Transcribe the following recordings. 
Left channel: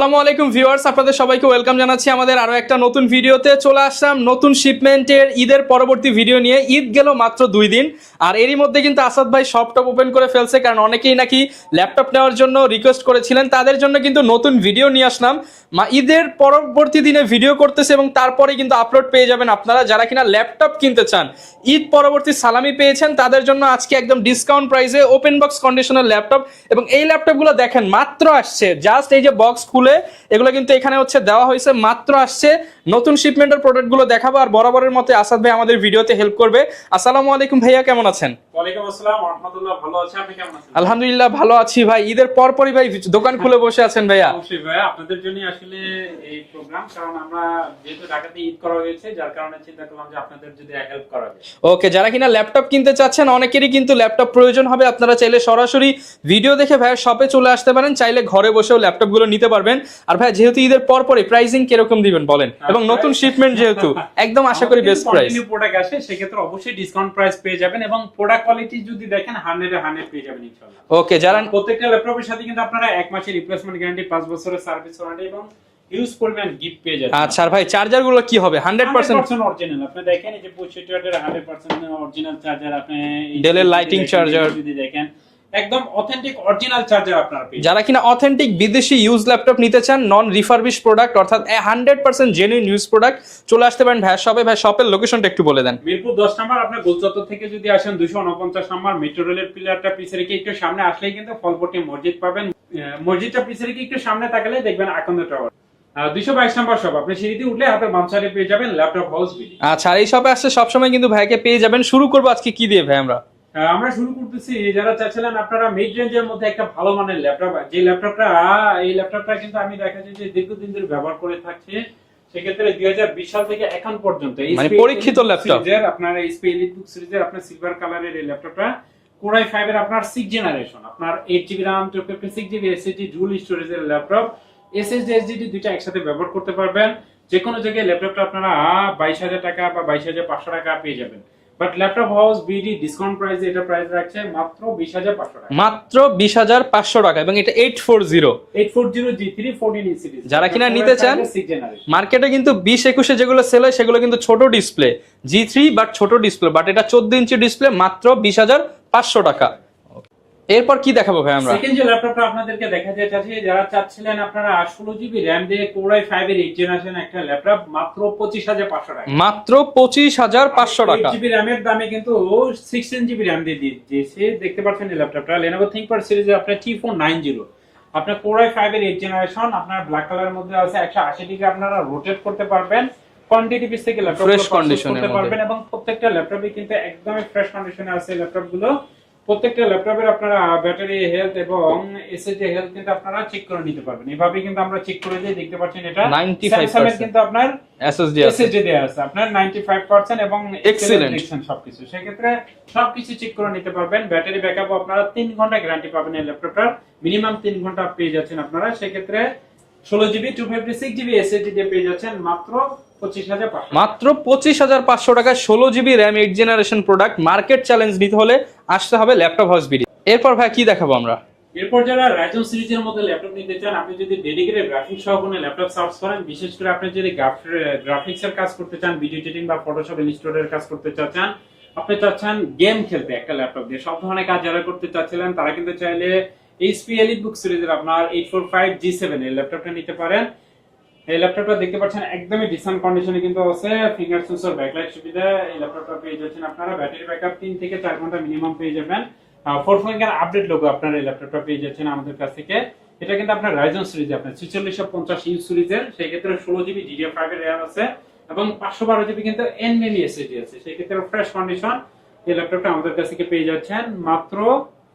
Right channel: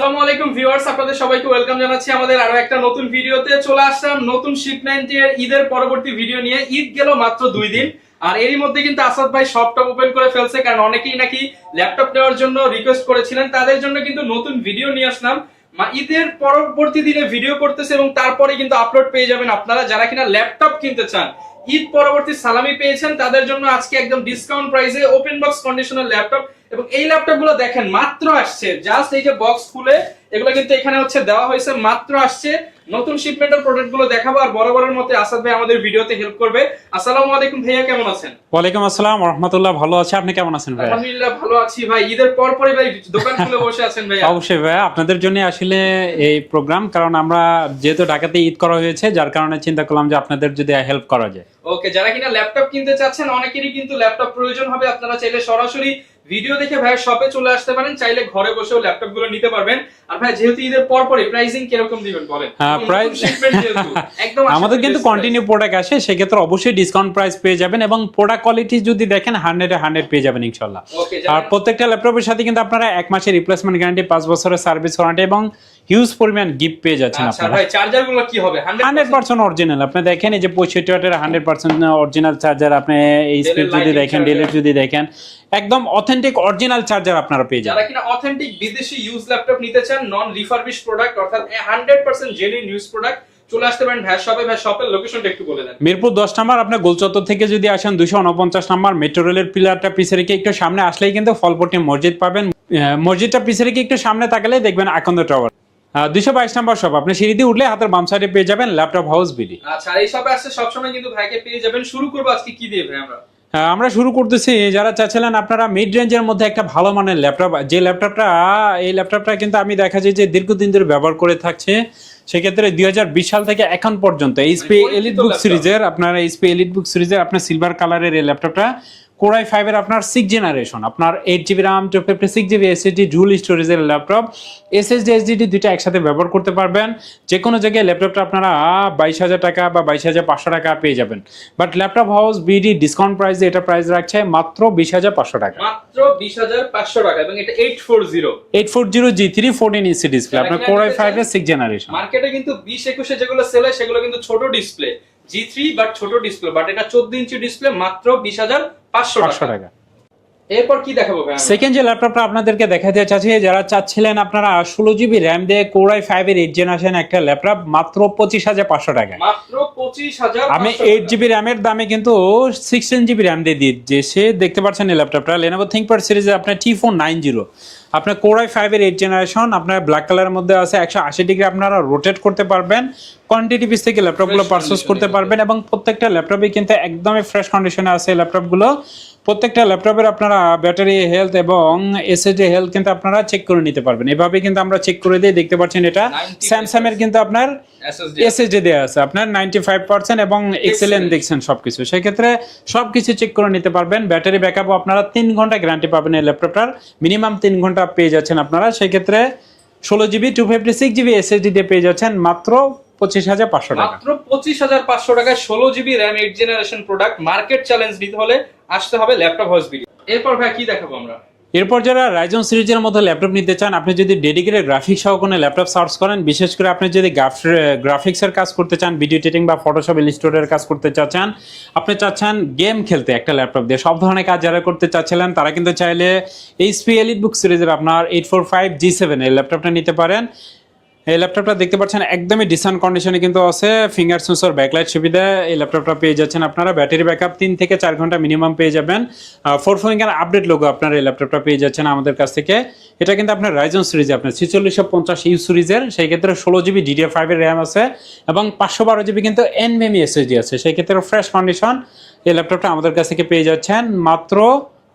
আসসালামু আলাইকুম ভিউয়ার্স, আপনাদের সবাইকে ওয়েলকাম জানাচ্ছি আমাদের আরো একটা নতুন ভিডিওতে। চলে আসলাম নতুন শিপমেন্টের ঈদের পরবর্তী ভিডিও নিয়ে। ঈদ গেল মাত্র 2 দিন, আর এরই মধ্যে কিন্তু আসাদ ভাই শপটপ ওপেন করে ফেলছে, কারণ অনেকেই নাকি ল্যাপটপ নেওয়ার জন্য রিকোয়েস্ট করেছিলেন। তাদের জন্য কিন্তু নতুন ভিডিও নিয়ে আসলাম। ঈদের পরবর্তী দিনে ভিডিও করতেছে এবং তারপরে কিন্তু আপলোড পেয়ে যাবেন আপনারা যারা কিনা ল্যাপটপ কিনতে চান। ঈদ পরবর্তী সালামি পেয়েছেন তাদের জন্য আজকে একদম ডিসকাউন্ট প্রাইসে ওপেন বক্স কন্ডিশনার ল্যাপটপ, এবং এই ল্যাপটপগুলো দেখেন মাত্র আসছে, জাস্ট এই যে বক্স খুলে এগুলো কিন্তু এখানে হচ্ছে দেওয়া হয়েছে, মাত্র আসছে। নতুন শিপমেন্টের প্রোডাক্টগুলো দেখাবো, আর বরাবরের মতো আসাদ ভাই আমাদের ভিডিওতে হেল্প করবে। আসসালামু আলাইকুম ভাইয়া, কেমন আছেন? ওয়ালাইকুম আসসালাম ওয়া রাহমাতুল্লাহ। ভালো আছি, আপনি কেমন আছেন? আলহামদুলিল্লাহ ভালো আছি ভাই। ঈদের পরই ভাই দোকান খুলে বসে আছেন ভাইয়া? অবশ্যই ভাই, আপনাদের জন্য আসলে এই প্রোগ্রাম, কারণ আমরা যেহেতু ঢাকাতে ঈদ করা হয়েছে, যার কারণে চিন্তা করলাম যে আপনাদের যদি হেল্প করা যায়। ওকে, যারা কিনা ল্যাপটপ কিনতে চাচ্ছেন, অনেকেরই কিন্তু ল্যাপটপ প্রয়োজন হবে, আপনারা চাইলে সরাসরি ভিডিও দেখে ভাইয়ের শপে চলে আসতে পারেন, চাইলে ঘরে বসেও ল্যাপটপ গুলো নিতে পারবেন। আর ভাই যেহেতু ঈদের পরই প্রাইসিং কিরকম দিবেন বলেন, এবং নতুন শিপমেন্ট যেহেতু একদম আমাদের কিন্তু কন্টিনিউ প্রোডাক্ট আসে, সেক্ষেত্রে অবশ্যই ডিসকাউন্ট প্রাইস পেয়ে যাবেন, এবং প্রোডাক্ট কোয়ালিটি যদি দেখেন 100 পেয়ে যাবেন ইনশাআল্লাহ। ওকে, যারা প্রত্যেকটা ল্যাপটপের সাথে কিন্তু আপনারা 1 মাসের রিপ্লেসমেন্ট গ্যারান্টি, 5 বছরের সার্ভিস ওয়ারেন্টি এবং হিউজ পরিমাণ গিফট পেয়ে যাচ্ছেন। আচ্ছা ভাই, চার্জার গুলো কি হবে? 100% অরিজিনাল। আপনি দেখেন এই যে 65 ওয়াটের 100% অরিজিনাল চার্জার, আপনি এই যদি দেখেন একদম অথেন্টিক অরিজিনাল চার্জার আপনারা পেয়ে যাবেন। যারা কিনা অথেন্টিক বিদেশি ইউজ ল্যাপটপ নিতে চান, নন রিফারবিশ প্রোডাক্ট, অর্থাৎ 100% জেনুইন ইউজ প্রোডাক্ট, চলে আসতে পারেন ভাইয়ের শপে। ভাই শপের লোকেশনটা একটু বলে দেন। মিরপুর 10 নম্বর, আপনি গোলচত্বর থেকে যদি আসেন 249 নম্বর মেট্রো রেলের পিলারটা পিছে রেখে একটু সামনে আসলেই কিন্তু ফলপট্টি মসজিদ পাবেন। মসজিদটা পিছে রেখে একটু সামনে তাকালে দেখবেন আকন্দ টাওয়ার। 222 নম্বর শপ, আপনি সিঁড়ি দিয়ে উঠলে হাতের বাম সাইডে পেয়ে যাবেন ল্যাপটপ হাউস বিডি। আচ্ছা, আর এই শপে আসলে সবসময় কিন্তু ভাইকে পেয়ে যাবেন। শুরু করবো আজকে কি দিয়ে ভাই? আমরা শুরু করতেছি, যারা চাচ্ছিলেন আপনারা মিড রেঞ্জের মধ্যে একটা ভালো মানের ল্যাপটপ, যে ল্যাপটপটা কিন্তু আমি দেখা যায় যে দীর্ঘদিন ধরে ব্যবহার করে থাকছে। সেক্ষেত্রে 2020 সাল থেকে এখন পর্যন্ত এইচপি এলিটবুক সিরিজের আপনার সিলভার কালারের এই ল্যাপটপটা Core i5 এর আপনার 6 জেনারেশন, আপনার 8GB RAM 256GB SSD dual স্টোরেজের ল্যাপটপ, SSD SSD দুইটা একসাথে ব্যবহার করতে পারবেন। যে কোনো জায়গায় ল্যাপটপটা আপনারা 22,000 টাকা বা 22,500 টাকা পেয়ে যাবেন। But laptop house BD discount প্রাইসে এটা প্রাইস রাখছে মাত্র 20,500 টাকা, মাত্র 20,500 টাকা, এবং এটা 840 G3 14 ইঞ্চি ডিসপ্লে, যারা কিনা নিতে চান 6 জেনারেশন। মার্কেটে কিন্তু 20-21 যেগুলো সেল হয় সেগুলো কিন্তু ছোট ডিসপ্লে G3, বাট ছোট ডিসপ্লে, বাট এটা 14 ইঞ্চি ডিসপ্লে, মাত্র 20,500 টাকা। এরপর কি দেখাবো ভাই? সেকেন্ড যে ল্যাপটপটা আপনাদেরকে দেখাতে চাচ্ছি, যারা চাচ্ছিলেন আপনারা 16GB RAM দিয়ে Core i5 এর 8 জেনারেশন একটা ল্যাপটপ, মাত্র 25,500 টাকা, মাত্র 25,500 টাকা। 8GB RAM এর দামে কিন্তু 16GB RAM দিয়ে দিয়েছে। দেখতে পাচ্ছেন এই ল্যাপটপটা Lenovo ThinkPad সিরিজে আপনার T490, আপনার Core i5 এর 8 জেনারেশন, আপনার ব্ল্যাক কালারের মধ্যে আছে, 180 ডিগ্রি আপনারা রোটেট করতে পারবেন, কোয়ান্টিটি পিস থেকে ল্যাপটপগুলো পারচেজ করতে পারবেন, এবং প্রত্যেকটা ল্যাপটপে কিন্তু একদমই ফ্রেশ কন্ডিশনে আছে ল্যাপটপগুলো। প্রত্যেকটা ল্যাপটপের আপনারা ব্যাটারি হেলথ এবং এসএসডি হেলথ কিন্তু আপনারা চেক করে নিতে পারবেন। এভাবে কিন্তু আমরা চেক করে দিই। দেখতে পাচ্ছেন এটা স্যামসাং এর কিন্তু আপনার এসএসডি দেয়া আছে আপনার 95% এবং এক্সেলেন্ট দেখছেন সবকিছু। সেই ক্ষেত্রে সবকিছু চেক করে নিতে পারবেন। ব্যাটারি ব্যাকআপও আপনারা 3 ঘন্টা গ্যারান্টি পাবেন এই ল্যাপটপটার, মিনিমাম 3 ঘন্টা পেয়ে যাচ্ছেন আপনারা। সেই ক্ষেত্রে 16GB 256GB এসএসডি দিয়ে পেয়ে যাচ্ছেন মাত্র 25,500 টাকা। মাত্র 25,500 টাকায় 16GB RAM 8 generation product. Market challenge নিতে হলে আসতে হবে ল্যাপটপ হাউস বিডি। এরপর ভাই কি দেখাবো আমরা? এরপর যারা রাইজন সিরিজের মধ্যে ল্যাপটপ নিতে চান, আপনি যদি ডেডিকেটেড গ্রাফিক্স সহ কোনো ল্যাপটপ সার্চ করেন, বিশেষ করে আপনি যদি গ্রাফিক্সের কাজ করতে চান, ভিডিও এডিটিং বা ফটোশপ ইলাস্ট্রেটরের কাজ করতে চাচ্ছেন, আপনি চাচ্ছেন গেম খেলতে একটা ল্যাপটপ দিয়ে, সব ধরনের কাজ যারা করতে চাচ্ছিলেন তারা কিন্তু চাইলে এইচপি এলিটবুক সিরিজের আপনার 845G7 এই ল্যাপটপটা নিতে পারেন। এই ল্যাপটপটা দেখতে পাচ্ছেন একদমই ডিসেন্ট কন্ডিশনে কিন্তু আছে, ফিঙ্গার সেন্সর ব্যাকলাইট সুবিধা এই ল্যাপটপটা পেয়ে যাচ্ছেন আপনারা। ব্যাটারি ব্যাকআপ 3 থেকে 4 ঘন্টা মিনিমাম পেয়ে যাবেন। 4 ফিঙ্গার আপডেট লোগো আপনারা এই ল্যাপটপটা পেয়ে যাচ্ছেন আমাদের কাছ থেকে। এটা কিন্তু আপনার রাইজন সিরিজে আপনার 4650 ইউ সিরিজের, সেই ক্ষেত্রে 16GB DDR5 এর RAM আছে এবং 512GB কিন্তু NVMe SSD আছে। সেই ক্ষেত্রে ফ্রেশ কন্ডিশন এই ল্যাপটপটা আমাদের কাছ থেকে পেয়ে যাচ্ছেন মাত্র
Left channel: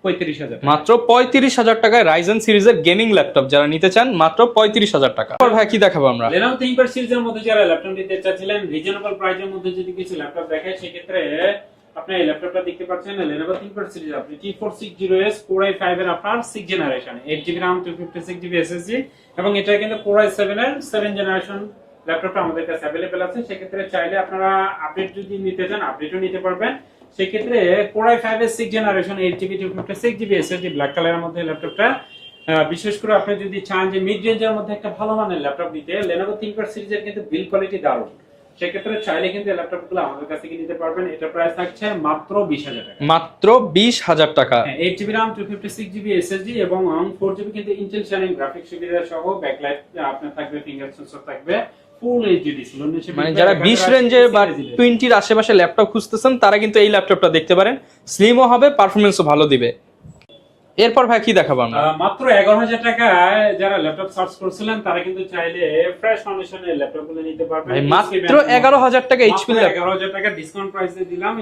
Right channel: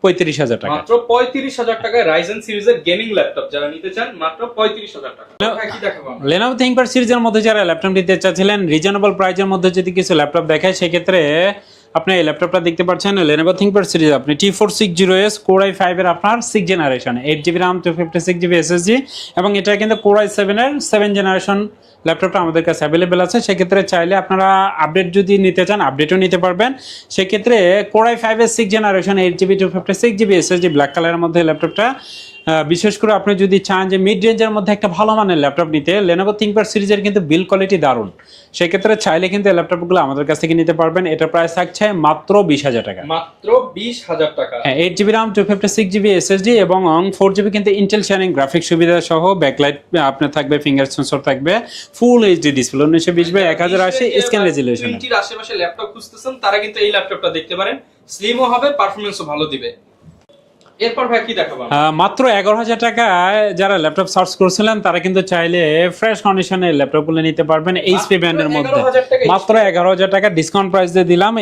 35,000 টাকা। মাত্র 35,000 টাকায় রাইজেন সিরিজের গেমিং ল্যাপটপ যারা নিতে চান, মাত্র 35,000 টাকা। ভাই কি দেখাবো আমরা? Lenovo ThinkPad সিরিজের মধ্যে যারা ল্যাপটপ নিতে চাচ্ছিলেন, রিজনেবল প্রাইসের মধ্যে যদি কিছু ল্যাপটপ দেখায়, সেক্ষেত্রে আপনি এই ল্যাপটপটা দেখতে পাচ্ছেন Lenovo ThinkPad সিরিজ, আপনি T460S Core i5 এর আপনার 6 generation, 8GB RAM 256GB SSD, এবং এটা কিন্তু Core i7 এর 7 জেনারেশন ল্যাপটপটা আমাদের কাছে অ্যাভেলেবেল আছে। সেক্ষেত্রে চাইলে আপনারা আপডেট যদি নিতে চান আপডেটও নিতে পারবেন। সেক্ষেত্রে Core i5 এর 6 generation 8GB 256GB SSD black কালারের মধ্যে ল্যাপটপটা বিশেষ করে আপনি যদি চান যে মিড রেঞ্জের মধ্যে একটা ভালো মানের ল্যাপটপ নিতে, Lenovo ThinkPad সিরিজের কিন্তু বিল্ড কোয়ালিটি দারুণ। সেক্ষেত্রে চাইলে কিন্তু এই ল্যাপটপগুলো আমাদের কাছ থেকে নিতে পারবেন। এটার প্রাইস থাকছে মাত্র 20,000 টাকা। মাত্র 20,000 টাকা। 8GB RAM 256GB SSD এবং 4GB কিন্তু ইন্টেল শাইনিং গ্রাফিক্স সুবিধা সহ, ব্যাকলাইট আপনার থাকবে, ফিঙ্গার সেন্সর থাকবে, ফুল এইচডি ডিসপ্লে 1920x1080 20 আশেপাশে ল্যাপটপ খুঁজতেছেন তারা কিন্তু এই ল্যাপটপটা দেখতে পারেন। স্লিমও হবে, পারফরম্যান্সও ভালো দিবে। এরপর ভাই কি দেখাবো আমরা? মাত্র 11,000 টাকায় যারা ল্যাপটপ সার্চ করছিলেন তারা কিন্তু চাইলে ফ্রেশ কন্ডিশনের ল্যাপটপগুলো নিতে পারবেন। এইচপি ব্র্যান্ডের মধ্যে 11,000 টাকা, মাত্র 11,000 টাকা ডিসকাউন্ট প্রাইস দিয়ে দিলাম।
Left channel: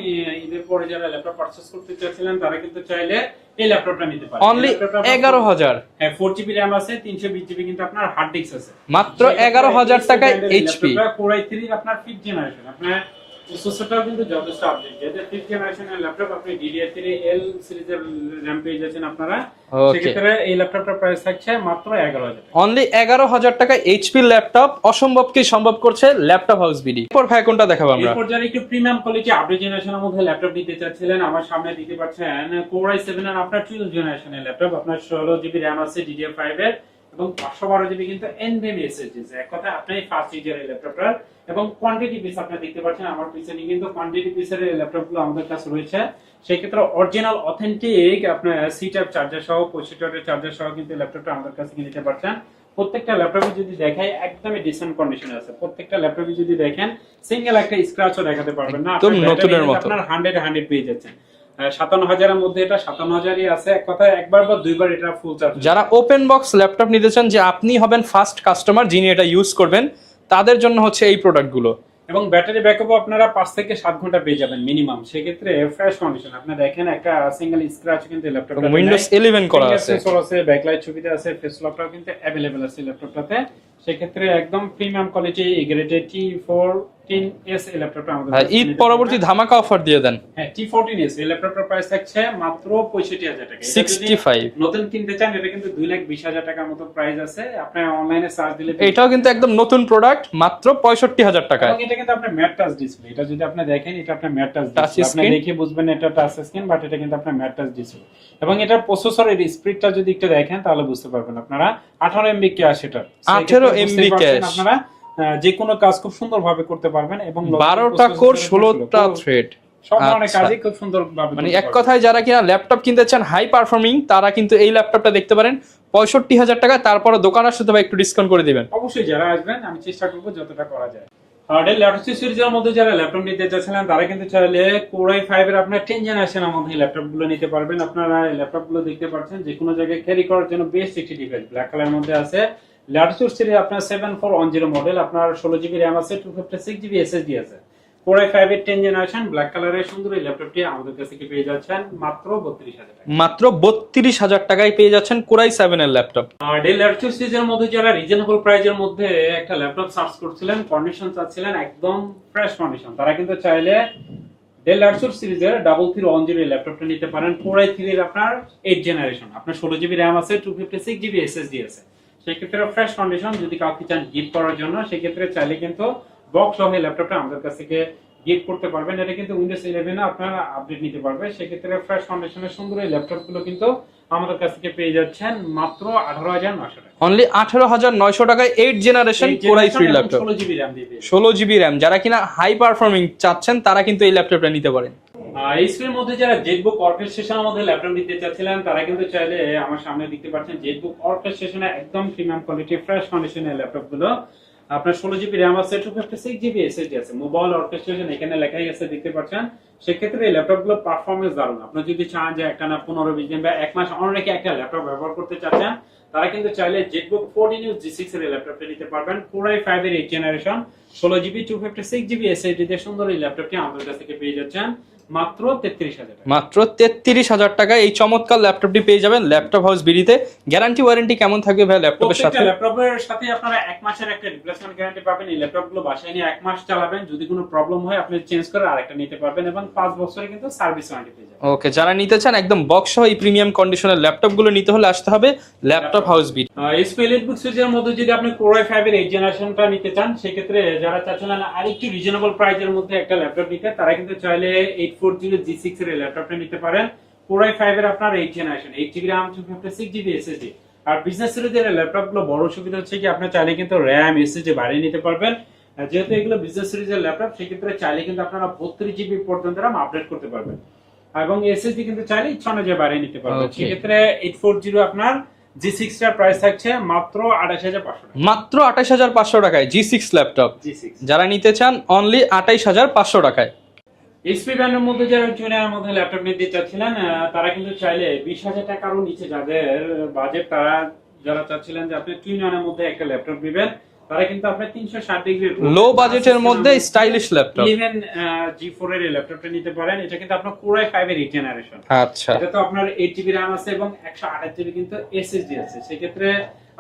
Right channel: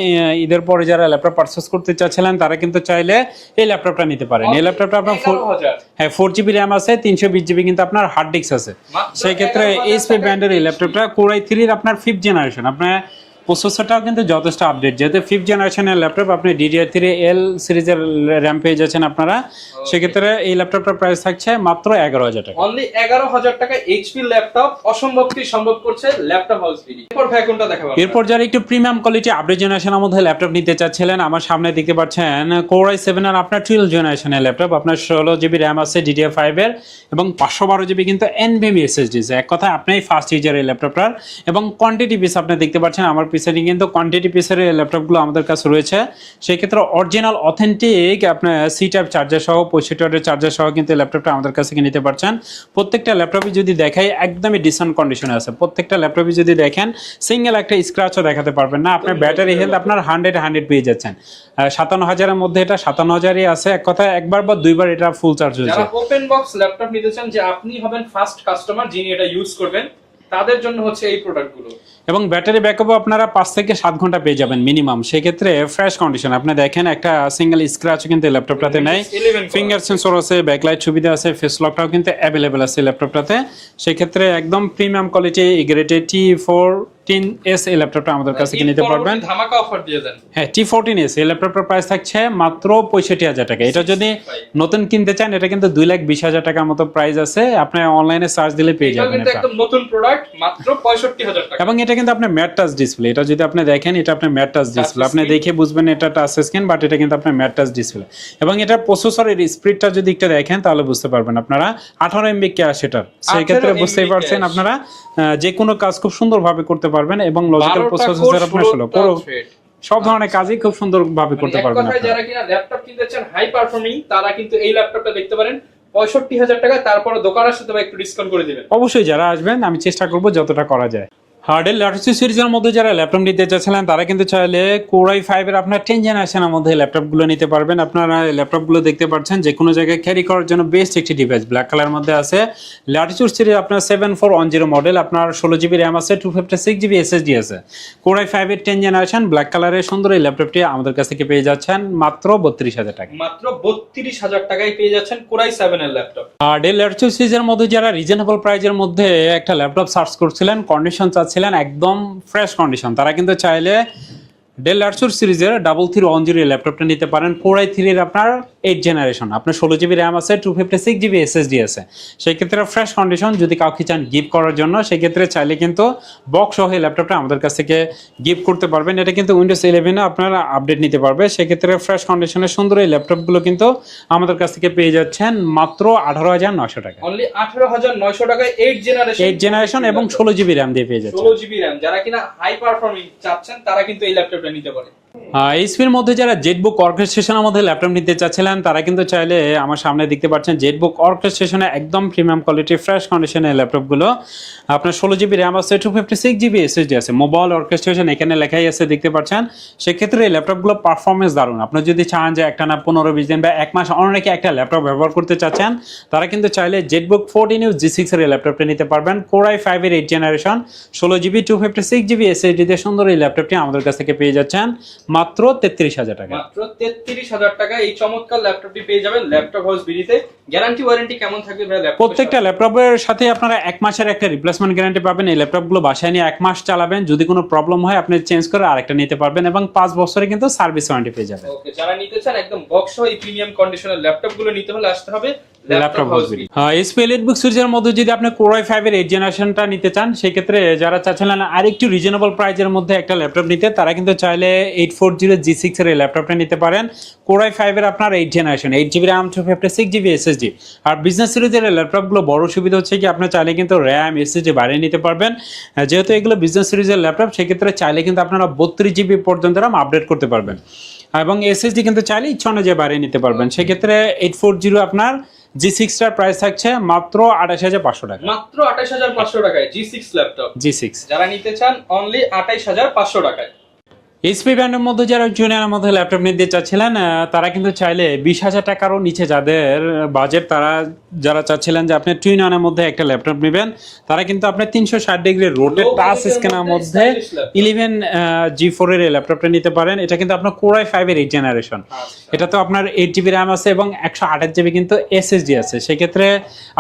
ঈদের পরে যারা ল্যাপটপ পারচেজ করতে চাচ্ছিলেন তারা কিন্তু চাইলে এই ল্যাপটপটা নিতে পারেন। এই ল্যাপটপটা 11,000, হ্যাঁ 4GB RAM আছে, 320GB কিন্তু আপনার হার্ড ডিস্ক আছে। মাত্র 11,000 এইচপি ব্র্যান্ডের এই ল্যাপটপটা Core i3 এর আপনার 5th জেনারেশন। আপনার প্রসেসরটাও কিন্তু যথেষ্ট আপডেট, যেহেতু 5th জেনারেশনের ল্যাপটপ, আপনি DDR3L সিরিজের র্যাম পেয়ে যাচ্ছেন আপনারা। সেক্ষেত্রে এই ল্যাপটপটার প্রাইস থাকছে মাত্র 11,000 টাকা। অনলি 11,000 টাকা এইচপি ল্যাপটপ, অসম্ভবকে সম্ভব করছে ল্যাপটপ হাউস বিডি। এরপর ভাই কোনটা দেখাবো আমরা? এরপর যারা একটু প্রিমিয়াম কোয়ালিটি আপডেট জেনারেশনের মধ্যে ল্যাপটপ নিতে চাচ্ছিলেন, আমার সামনে দেখতে পাচ্ছেন Core i7 এর আপনার 12th জেনারেশনের ল্যাপটপ। আপনার 16GB RAM আছে DDR5 এর এবং 512GB কিন্তু NVMe SSD। এক কথা আপনি ফার্স্ট ইউজার এই ল্যাপটপটার। এবং কোয়ান্টিটি পিস আপনি দেখতে পাচ্ছেন আমার পিছনে কিন্তু কোয়ান্টিটি পিসের ল্যাপটপগুলো আমাদের কাছে রয়েছে। সেই ক্ষেত্রে অরিজিনাল অথেন্টিক আপনার সি টাইপ চার্জার সহ 65 ওয়াটের চার্জার সহ কিন্তু ল্যাপটপটা আমাদের কাছে নিতে পারছেন। প্রত্যেকটা ল্যাপটপে যদি দেখাই একদমই ডিসেন্ট কন্ডিশনে আছে। প্রত্যেকটা ল্যাপটপে যদি দেখেন সিঙ্গেল একটা স্ক্র্যাচও দেখাতে পারবেন না। আপনার ব্যাটারি হেলথ আপনার 100 পেয়ে যাচ্ছেন। 57,000 এর মধ্যে এটা 57,000ই আছে। এক কথা একবার বা দুইবার এটা ফুল চার্জ হয়ে যায়। যারা ওপেন বক্স ল্যাপটপ নিতে চান, যে আপনি হবেন ফার্স্ট কাস্টমার যিনি এটা ইউজ করবেন, তাদের জন্য হচ্ছে এই প্রোডাক্টগুলো। এবং ব্যাটারি ব্যাকআপও আপনারা 5 থেকে 7 ঘন্টা পেয়ে যাবেন মিনিমাম। সেক্ষেত্রে ফ্রেশ কন্ডিশন আপনি দেখেন একটা সিঙ্গেল স্ক্র্যাচ কিন্তু ল্যাপটপটাতে নাই। ফিঙ্গার সেন্সর আছে, ব্যাকলাইট সুবিধা আছে, ফেস লকটাও কিন্তু অ্যাভেলেবেল আছে ল্যাপটপটাতে। সেক্ষেত্রে একদম প্রিমিয়াম কোয়ালিটি গ্রেডেড T14S এই ল্যাপটপটা আমাদের কাছে নিতে পারবেন। পরবর্তী ধামাকা অফার দিয়ে দেন। হ্যাঁ T14S এই ল্যাপটপটার প্রাইস থাকছে মাত্র 65,000 টাকা। এটা যদি নতুন কিনতে চান এটা কিন্তু 2,20,000 টাকার মতো প্রাইস আছে। আপনি অনলাইনে সার্চ দিলে পেয়ে যাবেন। এটাও কিন্তু একদম নতুন প্রোডাক্ট, মাত্র 65,000 টাকা। এবং এটা কিন্তু আপনার ম্যাট টাচ ডিসপ্লে। এটা যদি আপনি দেখেন এটা আপনার ম্যাট টাচ ডিসপ্লে। আপনি দেখে বুঝবেন এটা টাচ স্ক্রিন, বাট এটা কিন্তু আপনার ম্যাট টাচ ডিসপ্লে। এবং এটা প্রসেসরের স্পিডটা যদি একটু দেখেন তাহলে বুঝতে পারবেন আপনারা 18 MB ক্যাশ এটা। সেই ক্ষেত্রে বুঝতেই পারছেন আপনারা যে কোনো কাজ খুব সুন্দরভাবে করতে পারবেন এবং লজিক্যাল প্রসেসর আপনার সব ধরনের কাজই খুব সুন্দরভাবে করতে পারবেন। এক কথায় যারা কিনা ল্যাপটপ কিনতে চান হাই পারফর্মিং, তারা কিন্তু এই ল্যাপটপটা দেখতে পারেন। 65,000 টাকা, তারপরে দোকান আসতে হবে একটু ডিসকাউন্ট করে দিবেন। অবশ্যই যারা আসবেন আমি চেষ্টা করব যতটা করা যায়। ডেল ল্যাটিটিউড সিরিজের মধ্যে যারা ল্যাপটপ নিতে চাচ্ছিলেন তারা কিন্তু চাইলে Core i5 এর আপনার 10th জেনারেশনের মধ্যে ল্যাপটপগুলো নিতে পারবেন। আপনারা ল্যাপটপগুলো দেখতে পাচ্ছেন যে কোনো জায়গায় ক্যারি করার জন্য বেস্ট একটি ডিভাইস। ব্ল্যাক কালার মধ্যে আছে ল্যাটিটিউড সিরিজ আপনার 7410 মডেল। আপনার 16GB RAM আছে, 256GB SSD আছে। Core i5 এর 10th জেনারেশন ব্ল্যাক কালারের সুন্দর এই ল্যাপটপটি আমাদের কাছ থেকে পেয়ে যাচ্ছেন মাত্র 32,000 টাকা। মাত্র 32,000 টাকায় পেয়ে যাচ্ছেন Core i7 এর ল্যাপটপ। ডেল ল্যাটিটিউড সিরিজের মধ্যে যারা রিজনেবল প্রাইজের মধ্যে একটা ল্যাপটপ সার্চ করছিলেন, কন্ডিশন চাচ্ছিলেন একদম ফ্রেশ কন্ডিশন, তারা কিন্তু চাইলে ডেল ল্যাটিটিউড সিরিজের 3310 ল্যাপটপটা নিতে পারেন। Core i3 এর আপনার 8th জেনারেশন। আপনার 16GB RAM আছে, 256GB SSD আছে। সেই ক্ষেত্রে ফ্রেশ কন্ডিশন যদি কাউকে চান গিফট করার জন্য, সেই ক্ষেত্রে চাইলে কিন্তু বক্স সহ এই ল্যাপটপটা আমাদের কাছ থেকে গিফট করতে পারবেন। এটা কিন্তু উইন্ডোজ 11 এ আপনারা আপডেট নিতে পারবে। সেই ক্ষেত্রে ফ্রেশ কন্ডিশনের সুন্দর এই ল্যাপটপগুলো কিন্তু আমাদের কাছ থেকে পেয়ে যাচ্ছেন মাত্র 18,900 টাকা। অনলি 18,900 টাকায় 8th জেনারেশন এবং 16GB RAM দিয়ে পেয়ে যাচ্ছেন। 16GB RAM যারা কিনা হাই পারফর্মিং চাচ্ছেন তারা কিন্তু এই ল্যাপটপটা নিতে পারেন। এইচপির মধ্যে যারা জেটবুক অর্কেস্ট্রেশনের মধ্যে ল্যাপটপ নিতে চাচ্ছিলেন তারা কিন্তু চাইলে আমার সামনে দেখতে পাচ্ছেন জেটবুক অর্কেস্ট্রেশনে একদম প্রিমিয়াম কোয়ালিটি ফ্রেশ কন্ডিশনের ল্যাপটপগুলো। আপনার 16GB RAM আছে, 256GB SSD আছে। মোবাইল অর্কেস্ট্রেশন এখানে লেখাই আছে দেখতে পাচ্ছেন। সেক্ষেত্রে এই ল্যাপটপগুলো পারফরমেন্স দারুণ। আপনি যদি চান যে একটা না 15-20 দিন বা 1 মাস অনেকে একটা ল্যাপটপ ব্যবহার করতে চাচ্ছেন, তারা কিন্তু চাইলে জেটবুক 14U G6 এর ল্যাপটপটা নিতে পারবেন। Core i5 এর 8th generation 16GB 256GB SSD দিয়ে সুন্দর এই ল্যাপটপটি আমাদের কাছ থেকে পেয়ে যাচ্ছেন মাত্র 33,000 টাকা। মাত্র 33,000 টাকা এই চমৎকার ল্যাপটপটি পেয়ে যাবেন ল্যাপটপ হাউস বিডিতে। গ্যারান্টি ওয়ারেন্টি কেমন থাকবে ভাই ল্যাপটপের সাথে? প্রত্যেকটা ল্যাপটপের সাথে আপনারা 1 মাসের একটা রিপ্লেসমেন্ট গ্যারান্টি পাবেন। এই ল্যাপটপগুলো বাসায় নিয়ে 1 মাস চালাবেন, যদি কোনো প্রবলেম হয় আপনি চেঞ্জ করে আরেকটা নিতে পারবেন এবং 5 বছরে কিন্তু সার্ভিস ওয়ারেন্টি পেয়ে যাবেন। ওকে, যারা নিতে চান একদম বক্স সহ এই প্রিমিয়াম কন্ডিশনের ল্যাপটপগুলো নিতে হলে আসতে হবে laptop house BD. HP EliteBook সিরিজের মধ্যে যদি আপনি Core i5 এর 8th জেনারেশনটা নিতে চান, সেই ক্ষেত্রে যারা চাচ্ছিলেন আরেকটু রিজনেবল প্রাইজের মধ্যে একটা ল্যাপটপ নিতে, তারা কিন্তু চাইলে 84GB G6 এর এই ল্যাপটপটা নিতে পারেন। Core i5 এর আপনার 8 generation, 8GB RAM 256GB SSD। আর বিজনেস সিরিজের ল্যাপটপগুলো বড় সুবিধা হচ্ছে কি আপনি চাইলে কিন্তু RAM SSD বাড়িয়ে নিতে পারবেন। যেহেতু এগুলো বিজনেস সিরিজের ল্যাপটপ, সেক্ষেত্রে চাইলে কিন্তু আপনারা 32GB পর্যন্ত RAM আপডেট করতে পারবেন, এবং SSD কিন্তু চাইলে ইচ্ছা অনুযায়ী বাড়িয়ে নিতে পারবেন। সেক্ষেত্রে 840 আপনার G6 টার প্রাইস থাকছে মাত্র 28,500 টাকা। মাত্র 28,500 টাকায় G6 ল্যাপটপ, G6 যারা নিতে চান অনলি 28,500 টাকায়। এইচপি ব্র্যান্ডের মধ্যে যারা জুনিয়রের মধ্যে ল্যাপটপ নিতে চাচ্ছিলেন, তারা কিন্তু চাইলে 20,000 টাকারও নিচে যাদের বাজেট, তারা যারা চাচ্ছিলেন যে আপনি টুইন-অনের মধ্যে একটা ল্যাপটপ নেবেন, তারা কিন্তু আপনি 360 ডিগ্রি লো বাজেটের মধ্যে স্টাইলিশ ল্যাপটপ 11 G4 এর ল্যাপটপটা নিতে পারেন। এটা কিন্তু আপনার Core i5 এর 8 জেনারেশন। আচ্ছা, এটা তো আপনার 8GB RAM আছে এবং 128GB কিন্তু SSD আছে। সেক্ষেত্রে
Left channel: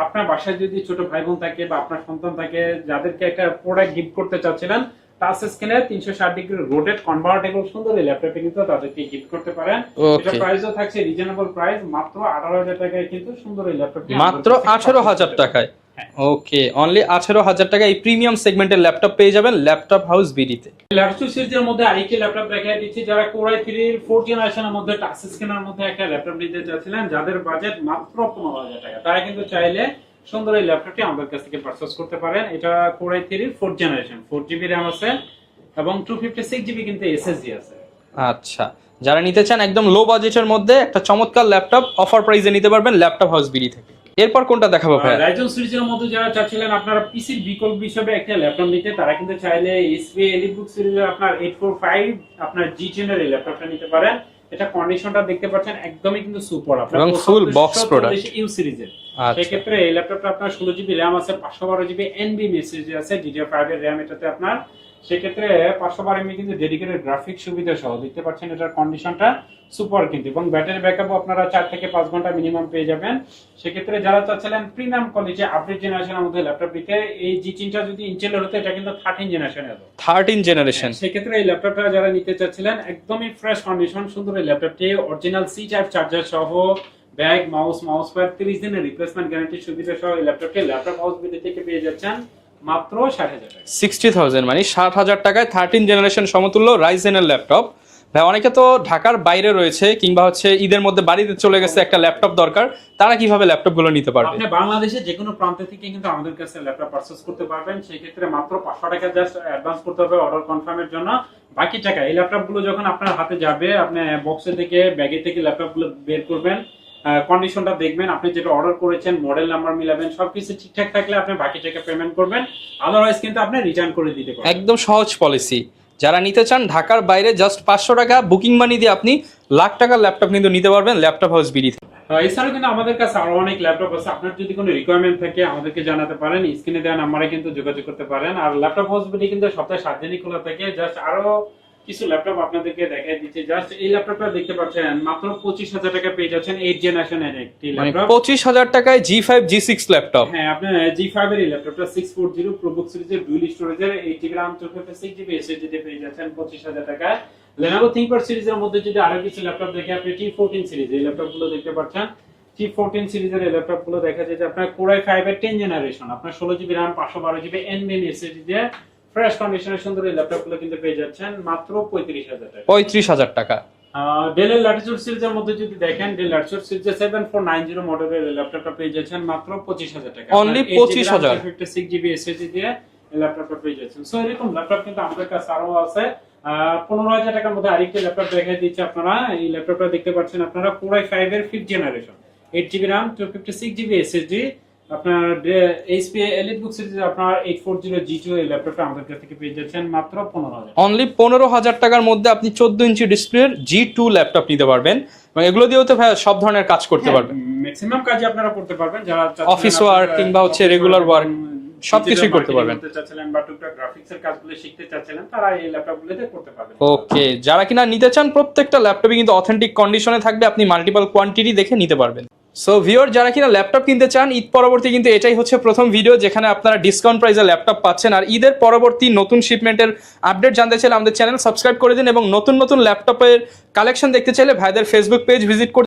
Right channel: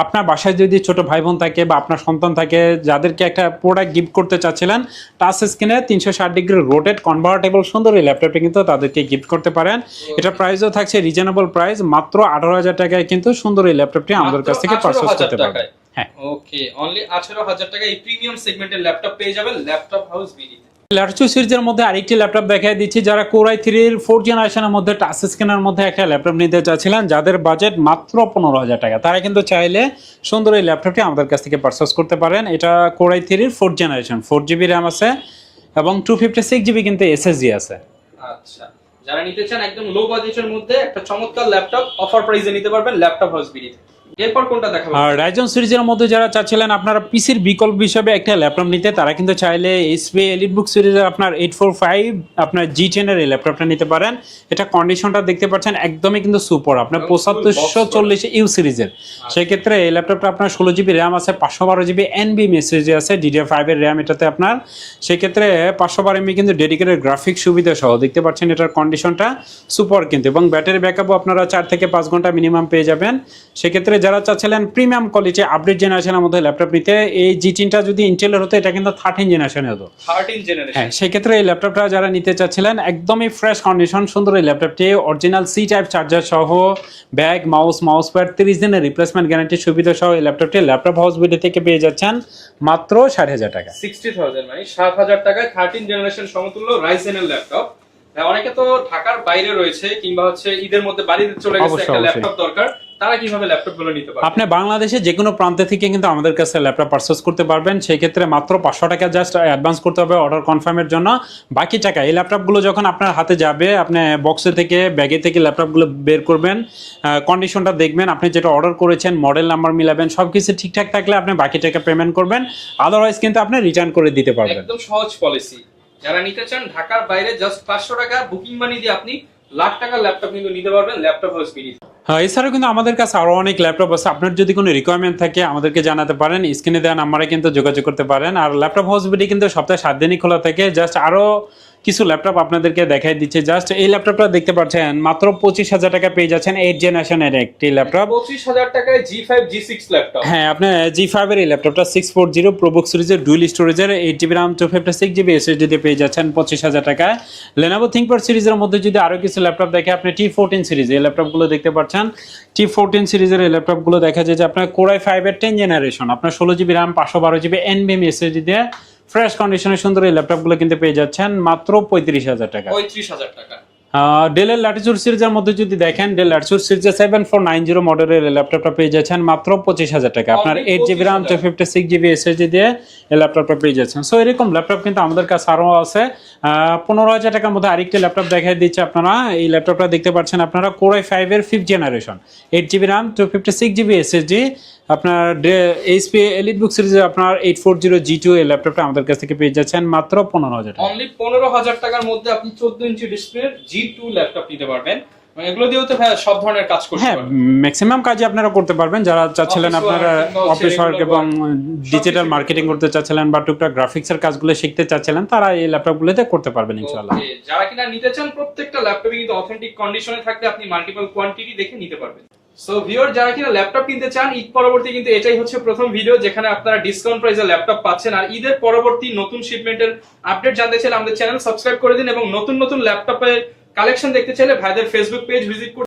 আপনার বাসায় যদি ছোট ভাই বোন থাকে বা আপনার সন্তান থাকে, যাদেরকে একটা প্রোডাক্ট গিফট করতে চাচ্ছিলেন, টাচ স্ক্রিনে 360 ডিগ্রি রোটেট কনভার্টেবল সুন্দর এই ল্যাপটপটি কিন্তু তাদেরকে গিফট করতে পারেন। এটা প্রাইসও থাকছে রিজনেবল প্রাইস, মাত্র 18,000 টাকায় কিন্তু সুন্দর এই ল্যাপটপটি আমাদের কাছ থেকে পারচেজ করতে পারবেন। হ্যাঁ, ওকে, অনলি 18,000 টাকায় এই প্রিমিয়াম সেগমেন্টের ল্যাপটপ পেয়ে যাবেন ল্যাপটপ হাউস বিডিতে। ল্যাপটপ সিরিজের মধ্যে আরেকটি ল্যাপটপ দেখাই দিচ্ছি, যারা Core i3 এর 4 জেনারেশনের মধ্যে টাচ স্ক্রিনের মধ্যে একটা ল্যাপটপ নিতে চাচ্ছিলেন, যাদের বাজেট মাত্র 15,000 টাকা, তারা কিন্তু চাইলে সুন্দর এই ল্যাপটপটি আমাদের কাছ থেকে পারচেজ করতে পারেন। এটা Core i3 এর 4 জেনারেশন, 4GB RAM আছে এবং 256GB কিন্তু SSD আছে। আচ্ছা, যারা নিতে চান একদম লো বাজেটের মধ্যে একটা চমৎকার ল্যাপটপ অফার প্রাইসে নিতে পারবেন ল্যাপটপ হাউস বিডি থেকে। এরপর কোনটা দেখাবো? রাইজন সিরিজের মধ্যে যারা চাচ্ছিলেন আপনারা পিসির বিকল্প হিসেবে একটা ল্যাপটপ নিতে, তারা কিন্তু চাইলে HP EliteBook সিরিজের আপনার 845 আপনার G10 এর এই ল্যাপটপটা নিতে পারেন। এটা কন্ডিশনটা দেখতে পাচ্ছেন একদমই কিন্তু সুপার, আপনার 7540 ইউ সিরিজের। সেই ক্ষেত্রে এই ল্যাপটপটা আপনার 16GB RAM আছে, 512GB NVMe SSD আছে, DDR5 এর RAM এটাতে আপনার। সেই ক্ষেত্রে 512 MB কিন্তু ডেডিকেটেড গ্রাফিক্স সুবিধা সহ দেখতে পাচ্ছেন, এটার কন্ডিশনটা সুপার কিন্তু, এবং ব্যাটারি ব্যাকআপও আপনারা 4 থেকে 5 ঘন্টা মিনিমাম পেয়ে যাবেন। সেই ক্ষেত্রে যারা চাচ্ছিলেন প্রিমিয়াম কোয়ালিটি আপডেট জেনারেশনের মধ্যে ল্যাপটপ নিতে, এই G10টা যদি ইন্টেলের হতো, এটা কিন্তু 13 জেনারেশনে হতো, 13 জেনারেশন। সেই ক্ষেত্রে এই ল্যাপটপটা যারা নিতে চাচ্ছিলেন একদমই ফ্রেশ কন্ডিশন সুন্দর এই ল্যাপটপটি, অরিজিনাল C টাইপ চার্জার সহ ব্যাগ, মাউস প্যাড, 30 দিনের রিপ্লেসমেন্ট গ্যারান্টি সুবিধা সহ এই ল্যাপটপটি ল্যাপটপ হাউস বিডি থেকে পেয়ে যাচ্ছেন মাত্র 60,000 টাকা। 60,000 মানে 7,000 টাকায় 13 জেনারেশন সমতুল্য রাইজেনের ল্যাপটপ। ভাই, অনেকে তো ঢাকার বাইরে রয়েছে কিংবা হচ্ছে ঈদের মধ্যে বাড়িতে চলে গেছে, একটা ল্যাপটপ দরকার, তারা কিভাবে ল্যাপটপ গুলো নিতে পারবে? আপনি বাংলাদেশে যে কোনো প্রান্ত থেকে কিন্তু আমাদের কাছে ল্যাপটপ পারচেজ করতে পারবেন। সেই ক্ষেত্রে মাত্র 500 টাকা জাস্ট অ্যাডভান্স করতে হবে অর্ডার কনফার্মের জন্য। বাকি টাকা এই ল্যাপটপগুলো যখন আপনার হাতে যাবে, আপনি বক্সে থেকে ব্যাগে থেকে ল্যাপটপগুলো বের করবেন, কন্ডিশনটা দেখবেন, আপনি যেটা অর্ডার করেছেন মডেল নাম্বার মিলাবেন, সবকিছু ঠিকঠাক থাকলে আপনি বাকি টাকা পেমেন্ট করবেন, আদারওয়াইজ কিন্তু আপনি রিটার্ন করে দিতে পারবেন। একদম সহজ পলিসি। যারা নিতে চান ঢাকার বাইরে জাস্ট 500 টাকা বুকিং মানি দিয়ে আপনি লাখ টাকার ল্যাপটপ কিন্তু নিতে পারবেন ল্যাপটপ হাউস বিডি। হ্যাঁ, এছাড়াও কিন্তু আমাদের কাছে আরো অনেক ল্যাপটপ আছে। আপনার যদি কোনো রিকোয়ারমেন্ট থাকে আমাদেরকে জানাতে পারেন, স্ক্রিনে দেওয়া নাম্বারে কিন্তু যোগাযোগ করতে পারেন। আর ল্যাপটপ হাউস বিডি কিন্তু সপ্তাহে 7 দিনই খোলা থাকে। জাস্ট আরো কিছু ল্যাপটপ আপনাদেরকে দেখাই দিচ্ছে। জাস্ট এই ল্যাপটপটা দেখতে পাচ্ছেন মাত্র 25,000 টাকা পেয়ে যাচ্ছেন 8 জেনারেশনের একটি ল্যাপটপ। 25,000 টাকায় G5 G6 ল্যাপটপ। হ্যাঁ, আপনি G5 এর এই ল্যাপটপটা 640 প্রোবুক সিরিজের ডুয়াল স্টোরেজের 8GB RAM 256GB SSD দিয়ে পেয়ে যাচ্ছেন 25,000 টাকায়। Lenovo ThinkPad সিরিজের মধ্যে যদি আরো কিছু ল্যাপটপ দেখে, আপনি T14 সিরিজ এই ল্যাপটপগুলো দেখতে পাচ্ছেন। T14 সিরিজের এই ল্যাপটপগুলো দেখা যায় যে আপনার Core i5 এর 10 জেনারেশন, আপনার 16GB RAM 512GB NVMe SSD দিয়ে ফ্রেশ কন্ডিশনে সুন্দর এই ল্যাপটপগুলো কিন্তু পেয়ে যাচ্ছেন মাত্র 35,000 টাকা। 35,000 টাকা। ডেলের ল্যাটিটিউড সিরিজের মধ্যে যদি দেখেন, ডেল ল্যাটিটিউড সিরিজের 7490 মডেলের ল্যাপটপটা পেয়ে যাচ্ছেন মাত্র 25,000 টাকা। আপনার 8GB RAM 256GB SSD দিয়ে এই ল্যাপটপটা পেয়ে যাচ্ছেন। সো এরকম ল্যাপটপ কিন্তু আমাদের কাছে আরো আছে। 15,000 টাকার মধ্যে আরেকটি ল্যাপটপ দেখাই দিচ্ছে আপনারা। এই ল্যাপটপটা দেখতে পাচ্ছেন আপনারা Core i5 এর 5th generation, 8GB RAM 256GB SSD, আপনার HP EliteBook সিরিজের আপনার 840 G2 এই ল্যাপটপটা আমাদের কাছ থেকে পেয়ে যাচ্ছেন মাত্র 15,000। অনলি 15,000 টাকার মধ্যে আপনি 14 ইঞ্চি ডিসপ্লের G2 ল্যাপটপ নিতে পারবেন। মানে এগুলো দিয়েও তো সব ধরনের কাজ করতে পারবেন, ম্যাক্সিমাম কাজই আপনারা করতে পারবেন। যারা চাচ্ছিলেন কিংবা হচ্ছে রেগুলার ওয়ার্ক, ডিজিটাল মার্কেটিং করতে চাচ্ছিলেন বা টুকটাক গ্রাফিক্সের কাজগুলো শিখতে চাচ্ছিলেন, তারা এই ল্যাপটপগুলোতে করতে পারবেন ইনশাআল্লাহ। ওকে, যারা কিনা নিতে চান প্রত্যেকটা ল্যাপটপই কিন্তু অথেন্টিক কন্ডিশনে থাকবে, আপনি মাল্টিপল কোয়ান্টিটি দেখে নিতে পারবেন। সো ভিউয়ার, যারা কিনা ল্যাপটপ কিনতে চান, ঈদ পরবর্তী কিন্তু এটাই হচ্ছে প্রথম ভিডিও যেখানে আপনারা ডিসকাউন্ট প্রাইসে ল্যাপটপ পাচ্ছেন। আর ঈদের পরবর্তী নতুন শিপমেন্টের আপডেট জানতে চাইলে আমাদের চ্যানেল সাবস্ক্রাইব করে দিন, এবং নতুন নতুন ল্যাপটপের কালেকশন দেখতে চাইলে ভাইদের ফেসবুক পেজ ভিজিট করতে